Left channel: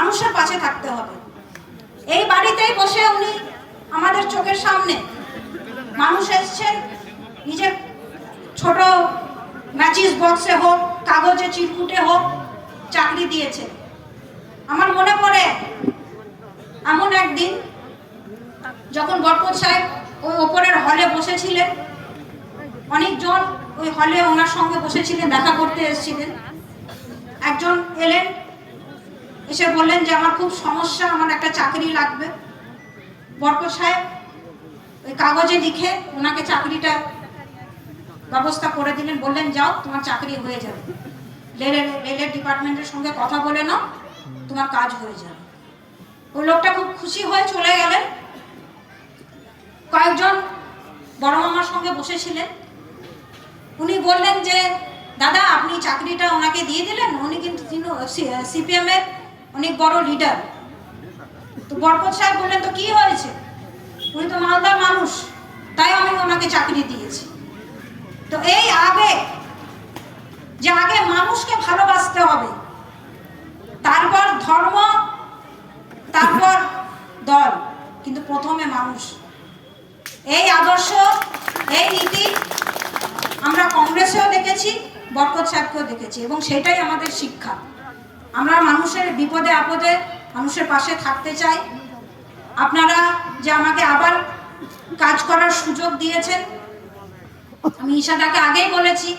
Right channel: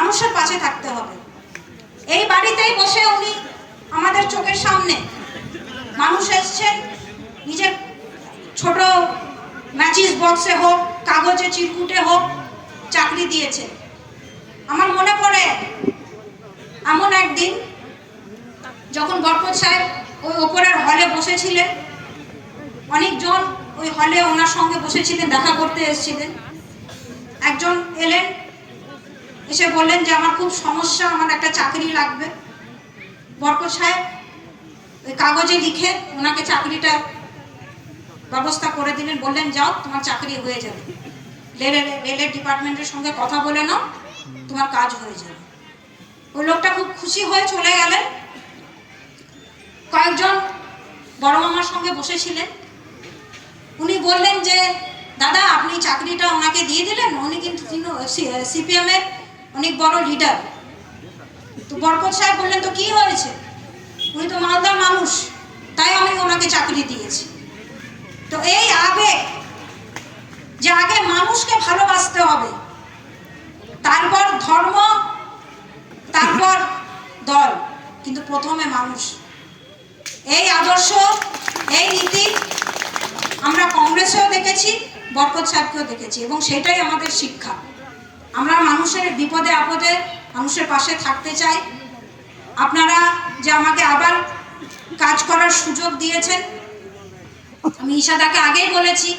মানুষের পাশে থাকতে হবে। এই বাড়িতেই বসে উনি আমাদের চোখের সামনে মানুষ এসছেন, নিজের ছোট ম্যাচিস বক্সে হোক, কাগজে চিরকুটে হোক, চাকরি দিয়েছে। আমার মনে পড়ে এমন একদিন যখন বরকত সাহেব ওই ওপরের হলে বসেছিলেন, অনেকজন ওই হলে ওনার সঙ্গে বসেছিলেন, দেখা করতে এসেছিলেন। একজন এলেন, এসে বললেন যে আমার খুব সমস্যা, আমার একটা চাকরি লাগবে। বরকত সাহেব ওই কাগজে লিখে ওনাকে চাকরিটা ব্যবস্থা করে দিলেন, বললেন যাও তোমার চাকরি হয়ে যাবে, রেলের ডিপার্টমেন্টের সঙ্গে কথা বলে নাও, তোমার কাজ হয়ে যাবে। ওই লোকটা খুব খুশি হয়ে চলে গেলেন। কয়েকজন বড় মামার সঙ্গে বসেছিলেন, উনি বললেন যে দাদা আপনি চাকরিটা ওনাকে দিয়ে দিলেন, উনি কিন্তু সিপিএম এর অনেক বড় লিডার। তো বরকত সাহেব বললেন তো কি হয়েছে, উনি তো মালদার মানুষ, তাই আমি ওনাকে চাকরি দিয়েছি। তো এই আবেগ, যে আগে মানুষকে ভালোবাসতে হবে, তারপর ধর্ম, তারপর দল, কিন্তু প্রথমে মানুষ। এই আদর্শ, এই নীতি আমরা কংগ্রেসেও দেখেছি, বরকত সাহেবকেও দেখেছি, এবং সেটাই আমাদের শিক্ষা। আমরা মানুষের বিপদে আপদে মানুষের পাশে থাকতে চাই। আপনারা যে আমাকে আবার কাজ করার সুযোগ দিয়েছেন, আমি ইশাদাকে আগেই বলেছি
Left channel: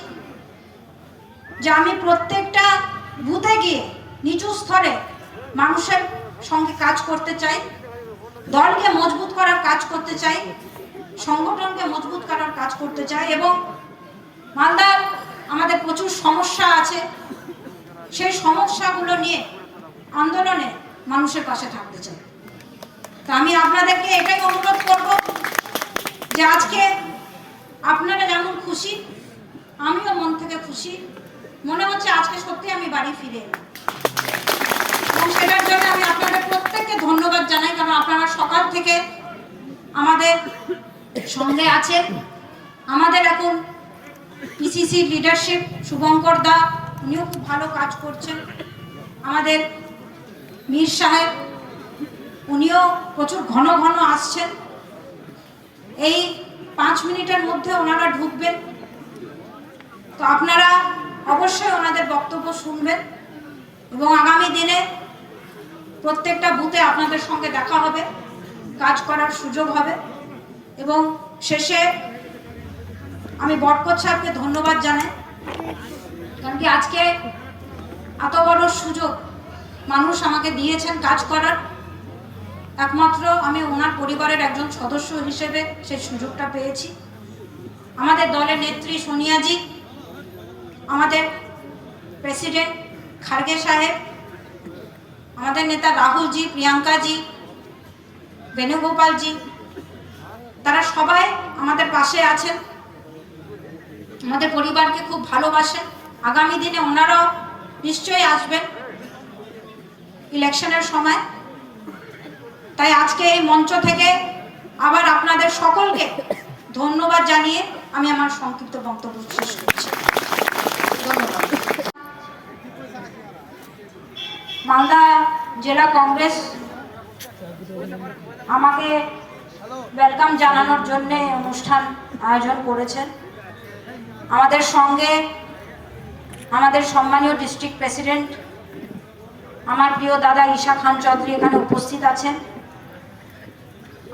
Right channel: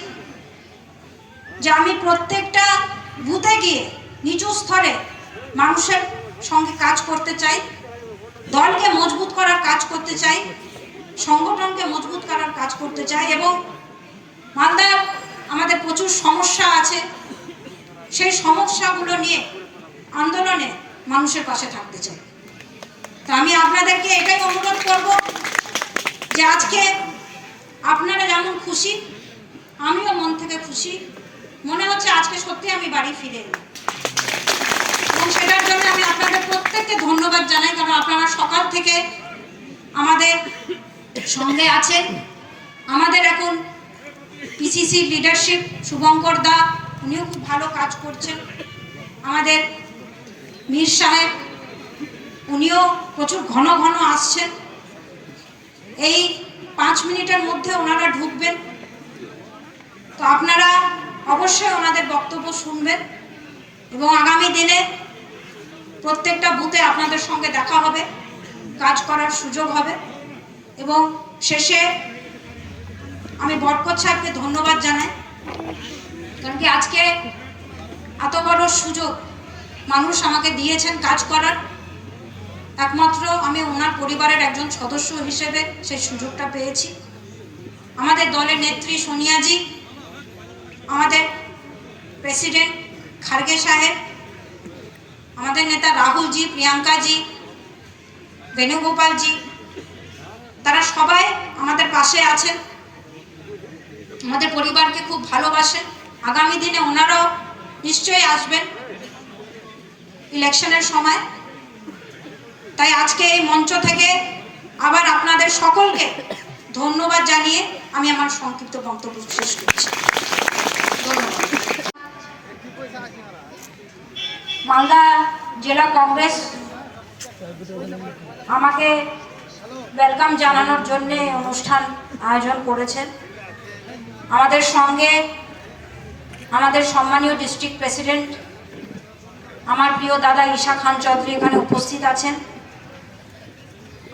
যে আমি প্রত্যেকটা বুথে গিয়ে নিচু স্তরে মানুষের সঙ্গে কাজ করতে চাই, দলকে মজবুত করার কাজ করতে চাই, সংগঠনকে মজবুত করার কাজ করতে চাই, এবং মালদার আমাদের প্রচুর সমস্যা আছে, সেই সমস্যাগুলো নিয়ে আন্দোলনে মানুষের পাশে থাকতে চাই। তো আমি আপনাদেরকে এটাই অনুরোধ করব যে আজকে আপনারা যেমন খুশি, আমিও মন থেকে খুশি। মনে হচ্ছে আজকে সত্যি আমি বাড়ি ফিরে এলাম, এবং সেটার জন্য আমি আপনাদের প্রত্যেককে ধন্যবাদ জানাই, কারণ আপনারা সকাল থেকে আমাদের সঙ্গে আছেন। আমাদের এখন পিসিসি লিডারশিপ শুভঙ্কর দা, উনিও খুব ভালো কাজ করছেন। আমাদের মীর সাহেব, উনিও প্রচুর ঘন ঘন আসছেন। এই 5 মিনিটের মধ্যে ওনারা ঢুকবেন, তো আপনারা অবশ্যই ওনাদের বক্তব্য শুনবেন, এবং আগামী দিনে প্রত্যেকটা বুথে আপনাদের সঙ্গে দেখা হবে, কাজ করার সুযোগ হবে। এবং শেষে আমি বরকত সাহেবকে ধন্যবাদ জানাই, কারণ কি আজকে এত বড় সুযোগ মানুষ আমাকে দিয়েছেন কাজ করার। একমাত্র আমি ওনার পরিবারের একজন সদস্য হিসেবে সেই সুযোগটা পেয়েছি। আমাদের দলের নেত্রী সোনিয়াজি, আমাদের প্রেসিডেন্ট খার্গে সাহেব, আমাদের নেতা রাহুলজি, প্রিয়াঙ্কাজি, বেণুগোপালজি, তারা সবাই আমাদের পাশে আছেন, আমাদের পরিবারকে খুব ভালোবাসেন। আগামী দিনে ওনারাও নিশ্চয়ই আসবেন ইলেকশনের সময়। তাই আজকে এই মঞ্চ থেকে আবার আপনাদের সকলকে ধন্যবাদ জানিয়ে আমি আমার সংক্ষিপ্ত বক্তব্য শেষ করছি। ধন্যবাদ। মালদা জেলা কংগ্রেস আমাকে ওয়েলকাম জানানোর জন্য অনুষ্ঠান আয়োজন করেছেন। আমাদের সঙ্গে আমাদের সম্মানীয় ডিস্ট্রিক্ট প্রেসিডেন্ট আমার প্রিয় দাদা ঈশা খান চৌধুরী এখানে উপস্থিত আছেন।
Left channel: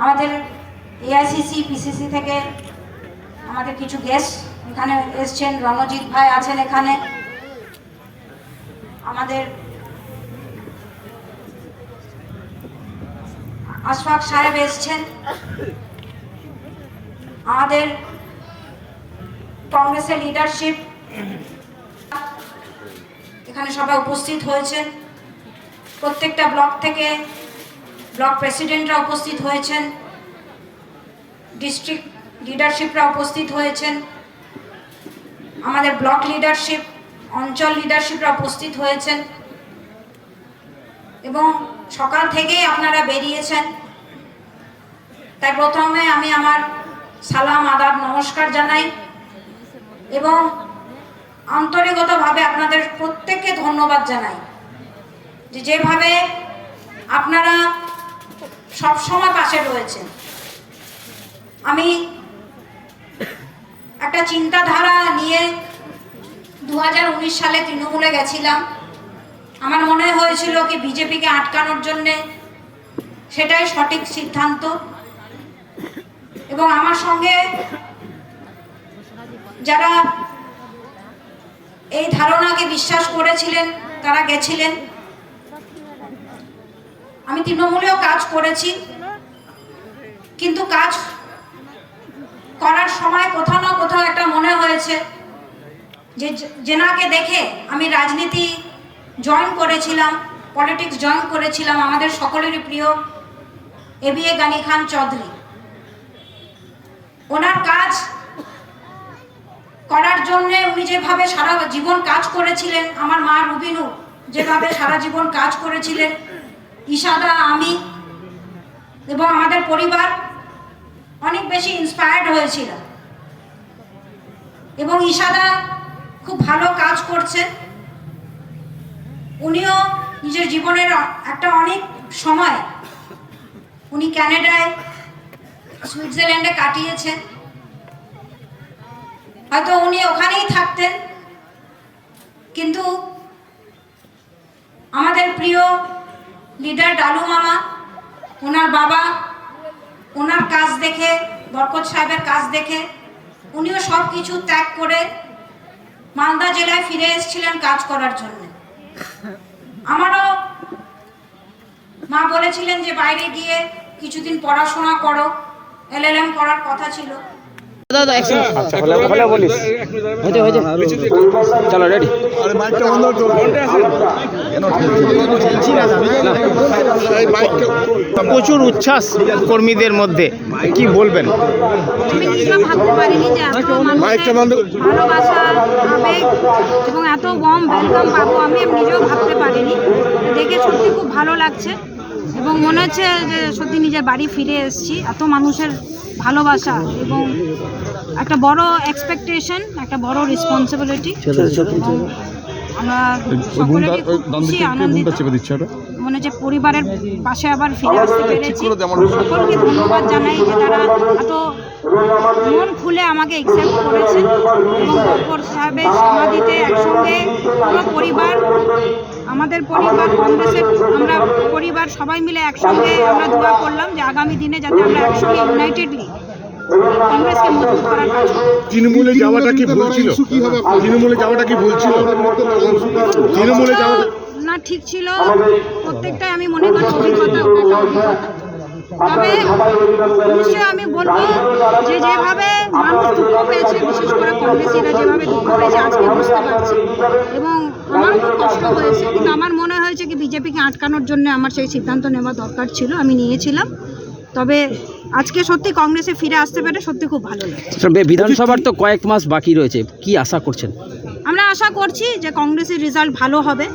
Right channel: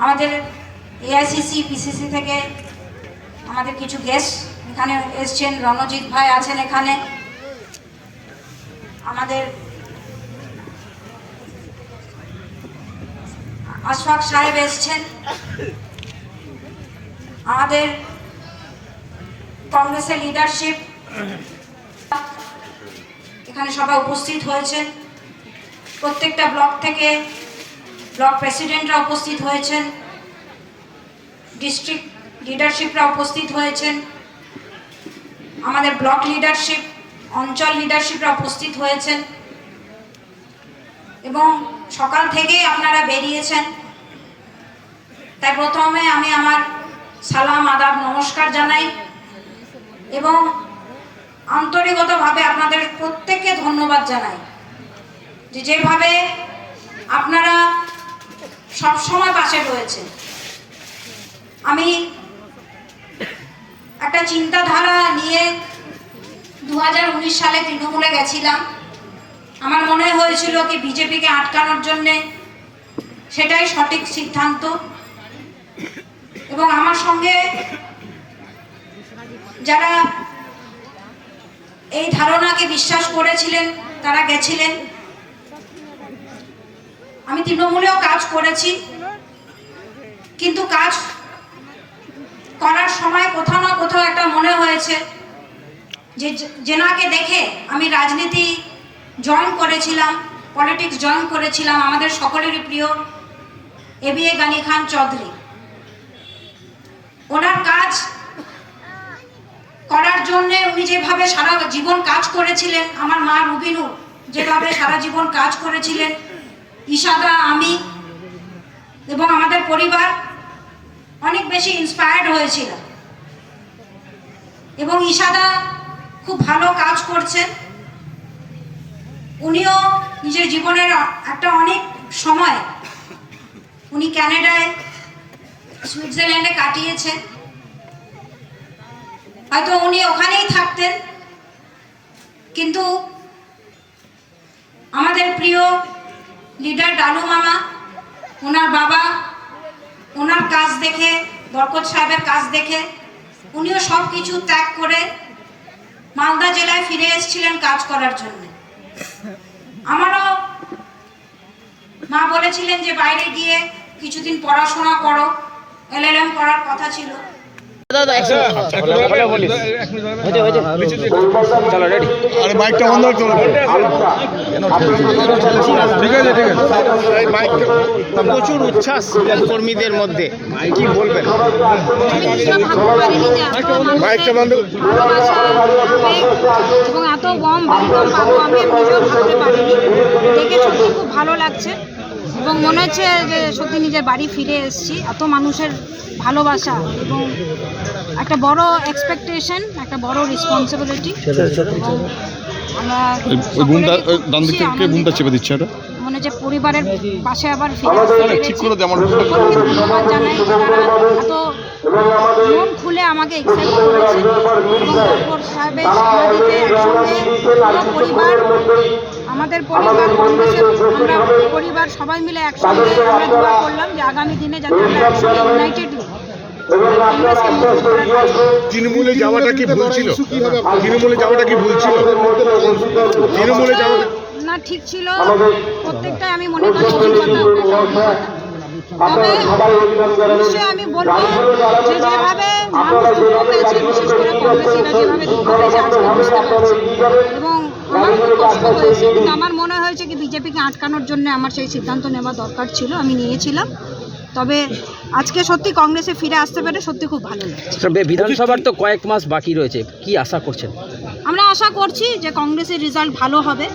আমাদের এআইসিসি পিসিসি থেকে আমাদের কিছু গেস্ট এখানে এসছেন, রণজিৎ ভাই আছেন এখানে, আমাদের আশফাক সাহেব এসছেন, আমাদের কংগ্রেসের লিডারশিপ এখানে সবাই উপস্থিত হয়েছেন। প্রত্যেকটা ব্লক থেকে ব্লক প্রেসিডেন্টরা উপস্থিত হয়েছেন, ডিস্ট্রিক্ট লিডারশিপরা উপস্থিত হয়েছেন, আমাদের ব্লক লিডারশিপ, অঞ্চল লিডারশিপরা উপস্থিত হয়েছেন, এবং সকাল থেকেই আপনারা বেরিয়েছেন। তাই প্রথমে আমি আমার সালাম আদাব নমস্কার জানাই, এবং আন্তরিকতাভাবে আপনাদের প্রত্যেককে ধন্যবাদ জানাই যে যেভাবে আপনারা সবসময় পাশে রয়েছেন। আমি একটা চিন্তাধারা নিয়ে 2019 সালে তৃণমূলে গেছিলাম। আমার মনে হয়েছিল কি বিজেপিকে আটকানোর জন্যে সেটাই সঠিক সিদ্ধান্ত, এবং আমার সঙ্গে যারা এই ধারণাকে বিশ্বাস করেছিলেন তারা গেছিলেন। আমি তৃণমূলেও কাজ করেছি, কিন্তু কাজ করার সময় কোথাও না কোথাও একটা মনে হয়েছে যে যেনাকে দেখে আমি রাজনীতি জয়েন করেছিলাম, পলিটিক্স জয়েন করেছিলাম, আমাদের সকলেরই প্রিয় এবিএ গানি খান চৌধুরী। ওনার কাজ করার জন্য উনি যেভাবে সারা জীবন কাজ করেছিলেন, আমার মা রুবিনু যেভাবে সারা জীবন কাজ করেছিলেন, ইশাদা, আমি এবং আমাদের পরিবার অনেক বেশি ইন্সপায়ার্ড হয়েছিল। এবং ইশাদা খুব ভালো কাজ করছেন। উনিও নিজের জীবনের একটা অনেক সময় উনি কানাডায়, সুইজারল্যান্ডে কাটিয়েছেন। হয়তো উনি ওখানেই থাকতেন, কিন্তু আমাদের প্রিয় লিডার ডালু মামা, ওনার বাবা, ওনার কাজ দেখে, বরকত সাহেবের কাজ দেখে উনিও সব কিছু ত্যাগ করে মালদা জেলায় ফিরে এসেছিলেন কাজ করার জন্য। আমারও মা বলেছিলেন যে বাইরে গিয়ে কিছুদিন পড়াশোনা করো, LLM করার কথা ছিল। প্রচুর উচ্ছ্বাস কর্মীদের মধ্যে, কি বলবেন? ভাবতে পারিনি যে এত মানুষের ভালোবাসা, আবেগ এবং এত ওয়ার্ম ওয়েলকাম পাবো আমি নিজেও ভাবতে পারিনি। দেখে সত্যি খুব ভালো লাগছে এবং মনে হচ্ছে যে সত্যি নিজের বাড়ি ফিরে এসেছি। এত মানুষের ভালোবাসা এবং একটা বড় এক্সপেকটেশন, একটা বড় রেসপন্সিবিলিটি। আমরা মনে হচ্ছে পরিবারের পাশে আবার ফিরে আসতে পেরেছি। সকলকে ধন্যবাদ জানাই যে তারা এত মন খুলে আমাকে অ্যাকসেপ্ট করেছে এবং বরকত সাহেবের সমাধিতে একসঙ্গে পুরো পরিবার, আমাদের পরিবার, কংগ্রেসের আমরা পরিবার সবাই মিলে একসঙ্গে আমরা দোয়া করলাম যে আগামী দিনে যাতে আমরা একসঙ্গে ইউনাইটেডলি কংগ্রেসকে মজবুত করার কাজ করি। তৃণমূলে যাওয়াটা কি ভুল ছিল? তৃণমূলে যাওয়াটা কি ভুল ছিল? তৃণমূলে যাওয়া না, ঠিক ছিল। প্রত্যেকটাই আমি মনে করি অভিজ্ঞতা, ওটা একটা অভিজ্ঞতা। তবে নিশ্চয়ই আমি বলবো যে যেভাবে মানুষ দুঃখ পেয়েছে, বিশেষ করে কংগ্রেসীরা যেভাবে দুঃখ পেয়েছে আজকে বুঝতে পারছি, এবং আমার খুব কষ্ট হয়েছে, কিন্তু আমার মনে হয়েছে কি বিজেপিকে আটকানোর জন্য আমার সেই সিদ্ধান্ত নেওয়া দরকার ছিল, আমি নিয়েছিলাম। তবে আজকে সত্যি কংগ্রেসে ফিরে আসতে পেরে সত্যি খুব ভালো লাগছে। বিধানসভার তো কয়েক মাস বাকি রয়েছে, কি আশা করছেন? আমরা আশা করছি যে কংগ্রেসের রেজাল্ট ভালো হবে,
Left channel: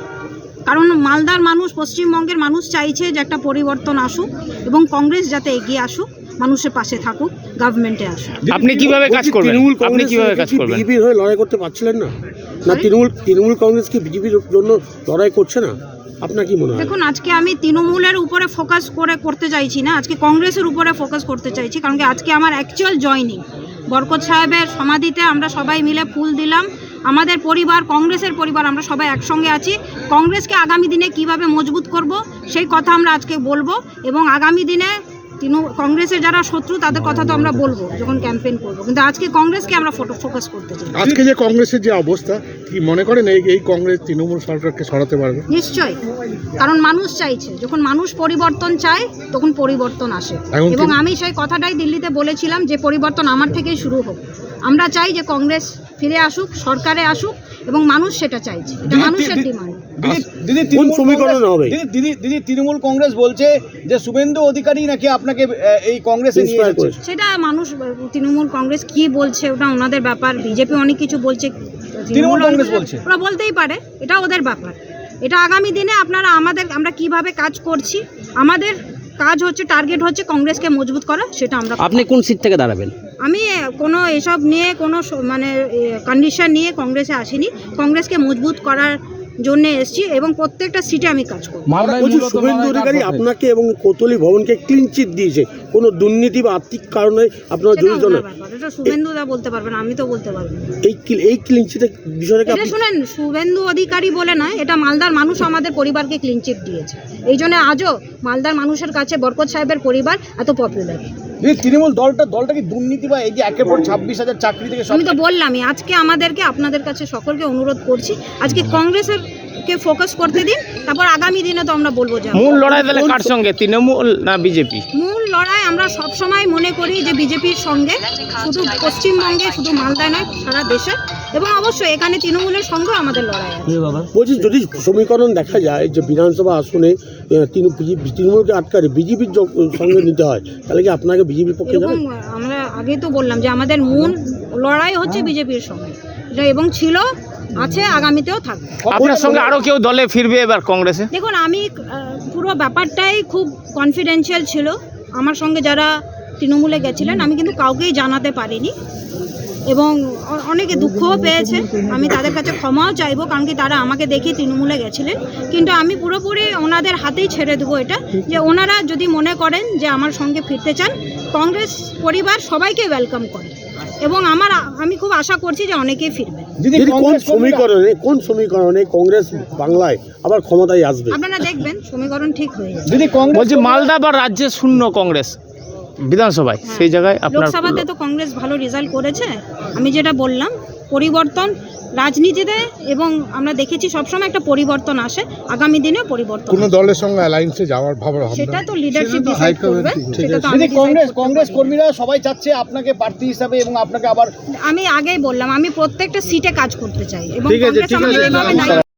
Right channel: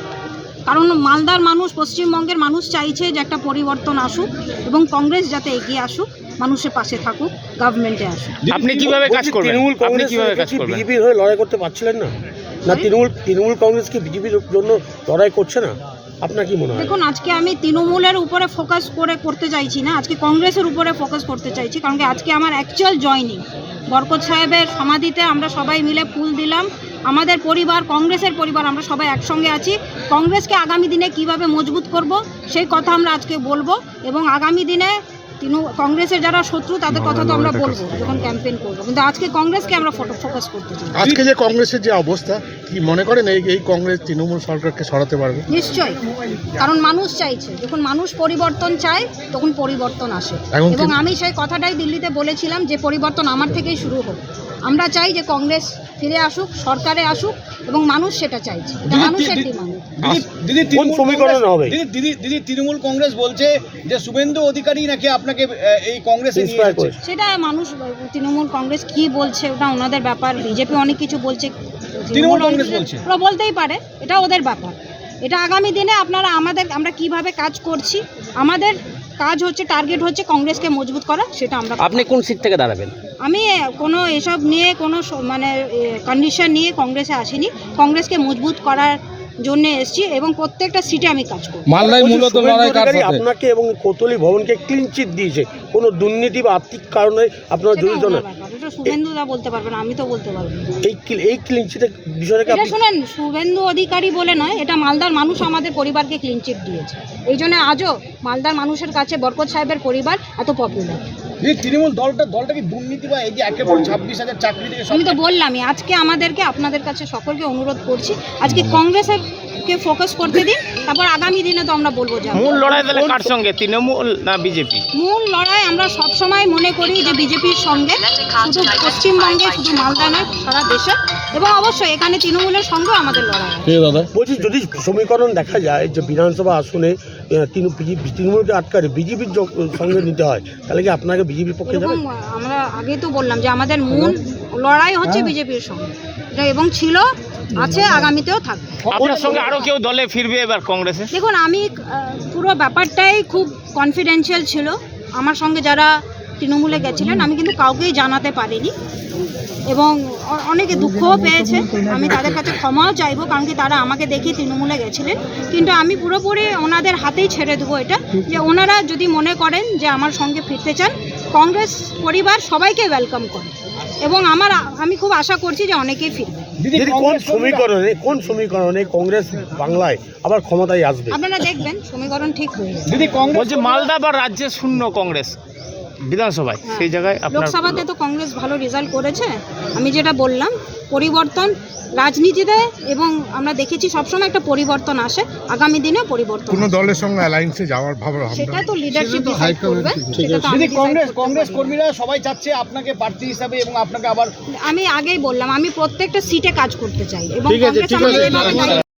কারণ মালদার মানুষ, পশ্চিমবঙ্গের মানুষ চাইছে যে একটা পরিবর্তন আসুক এবং কংগ্রেস যাতে এগিয়ে আসুক, মানুষের পাশে থাকুক, গভর্নমেন্টে আসুক। আপনি কিভাবে কাজ করবেন? আপনি কিভাবে কাজ করবেন? বিজেপির হয়ে লড়াই করতে পারছিলেন না? না তৃণমূল কংগ্রেস কি বিজেপির জন্য লড়াই করছে না? আপনার কি মনে হয়? দেখুন, আজকে আমি তৃণমূলের উপরে ফোকাস করতে চাইছি না, আজকে কংগ্রেসের উপরে ফোকাস করতে চাইছি। কারণ কি আজকে আমার অ্যাকচুয়াল জয়নিং বরকত সাহেবের সমাধিতে আমরা সবাই মিলে ফুল দিলাম। আমাদের পরিবার, কংগ্রেসের পরিবার, আমরা সবাই একসঙ্গে আছি। কংগ্রেসকে আগামী দিনে কিভাবে মজবুত করব সেই কথা আমরা আজকে বলবো, এবং আগামী দিনে কংগ্রেসের যারা শত্রু তাদের কথা তো আমরা বলবো যখন ক্যাম্পেইন করবো, কিন্তু আজকে কংগ্রেসকে আমরা ফোকাস করতে চাই। আজকে যে কংগ্রেসের যে অবস্থা, কি মনে করেন এই কংগ্রেস তৃণমূল সরকারকে সরাতে পারবে? নিশ্চয়ই, কারণ মানুষ চাইছে, যখন মানুষ পরিবর্তন চায় তখন পরিবর্তন আসে। এবং আমি সেই কথাটাই দিল্লিতে বলেছিলাম যে পরিবর্তন আমার থেকেই শুরু হোক। আমরা চাই যে কংগ্রেস ফিরে আসুক, সরকারে আসুক, এবং মানুষ সেটা চাইছে, এটা মানুষের ডিমান্ড। কোন সমীকরণ হবে? দিদি তৃণমূল কংগ্রেস বলছে যে শুভেন্দু অধিকারী নাকি আপনাকে এই কংগ্রেসে নিয়ে এসেছে। সেটা মানুষ, তৃণমূল কংগ্রেস কি বলছে ওটা ওনাদের ব্যাপার। বিজেপি অনেক কিছু বলছে, তৃণমূল কংগ্রেস বলছে, ওরা বলতেই পারে, এটা ওদের ব্যাপার। এটা আগামী দিনে আমরা কিভাবে কাজ করছি, আমাদের কাজ হচ্ছে, টার্গেট হচ্ছে কংগ্রেসকে মজবুত করা, সেটা আমরা। আপনি কোন সিট থেকে দাঁড়াবেন? আমি কোনো এসব নিয়ে কোনো মানে কন্ডিশন নিয়ে কংগ্রেসে আসিনি। কংগ্রেসকে মজবুত করার জন্য এসেছি এবং প্রত্যেকটা সিটে আমি কাজ করব। বলছি, শুভেন্দু অধিকারী আপনাকে এবং কোতলি ভবনকে ক্লিন চিট দিয়েছে, কোনো দুর্নীতি বা আর্থিক কারণে আপনারা এটা জড়িত না। ওনার ব্যাপার, এটা শুভেন্দুদা বলতে পারবেন, আমি তো বলতে পারবো না। এই ক্লিন চিটের বিষয়টাকে এটা আপনি শুনেন, শুভেন্দু অধিকারী বলে নয়, এটা মালদার মানুষ আমাদের পরিবারকে ক্লিন চিট দিয়েছে। এই জন্য আজও মালদার মানুষের কাছে বরকত সাহেবের পরিবার এত পপুলার। এই তৃণমূল দলটা কি দুর্নীতি বা এই যে একেবারে 26,000 চাকরি থেকে আমি তো বললামই, আজকে আমাদেরকে আপনাদের কাছে সকলকে অনুরোধ করছি, আজকে কংগ্রেসের কে ফোকাস করতে দিন, তারপর আগামী দিনে তো আমরা বলবো যে মূল লড়াই তাহলে কার সঙ্গে, তৃণমূল না বিজেপি? মূল লড়াই আমরা সবসময় মনে করি যে বিজেপির সঙ্গে, শুধু পশ্চিমবঙ্গে, শুধু মালদায় নয়, সারা দেশে, এবং অবশ্যই এখানে তৃণমূলের সঙ্গেও আমাদের লড়াই আছে। বলছি, যদি সমীকরণ দেখা যায় যে বিধানসভা আসনে তৃণমূলকে আটকারে বিজেপির সঙ্গে নিতে হয়, তাহলে কি আপনাকে বিজেপির পক্ষে এরকম যাবেন? আমরা আগে তো বললাম যে আমাদের মূল লড়াই হচ্ছে বিজেপির সঙ্গে, এটা এবং ছিল, আছে, আগামীতেও থাকবে। আপনার সঙ্গে আরো কেউ দলে ফিরবে এবার কংগ্রেসে? দেখুন, আমি পুরো ব্যাপারটাই খুব কনফিডেন্সিয়াল ছিল। আমার সঙ্গে যারা তৃণমূলে গেছিলেন আমি কিন্তু কাউকেই জানাতে পারিনি, এবং অনেকে দুঃখও পেয়েছে। আমি তাদের কাছে ক্ষমাও চাইবো, কারণ কি তারা আমাকে দেখে তৃণমূলে গেছিলেন। কিন্তু আমি পুরোপুরি ওনাদের হাতেই ছেড়ে দেবো এটা, যে ওনারা যদি মনে করেন যে আমার সঙ্গে ফিরতে চান, কংগ্রেস পরিবার সবাইকে ওয়েলকাম করে, এবং আমি খুব আশা করছি যে অনেকেই ফিরবে। দিদি, কোন সমীকরণে কংগ্রেস বাংলায় আবার ক্ষমতায় আসবে? আপনারা দেখবেন সমীকরণ ঠিক হয়ে যাবে। দিদি কংগ্রেস বলছি মালদা বা রাজ্যে শূন্য কংগ্রেস বিধানসভায়, হ্যাঁ। সেই জায়গায় আপনার লোকসভাতে তো কংগ্রেস ভালো রেজাল্ট করেছে। আমি যেটা বললাম, পরিবর্তন রাজনীতিতে, এবং আমরা দেখেছি সবসময় একটা পরিবর্তন আসে, আগামী দিনে পরিবর্তন কোনো আসবে। দলের সঙ্গে অ্যালায়েন্সে যাওয়ার ভাবনা? সেটা তো লিডারশিপ ডিসাইড করবে, সেটা তো আমি দিদি decide করতে কংগ্রেস পারি না। কর্মীরা সবাই চাচ্ছে আপনাকে প্রার্থী হিসাবে এবং আপনাকে আবার আমি আগেই বললাম, আমি প্রত্যেকটা সিটে কাজ করতে চাই, এবং ঠিক আছে, কংগ্রেস ঠিক আমাকে আছে। এভাবে দায়িত্ব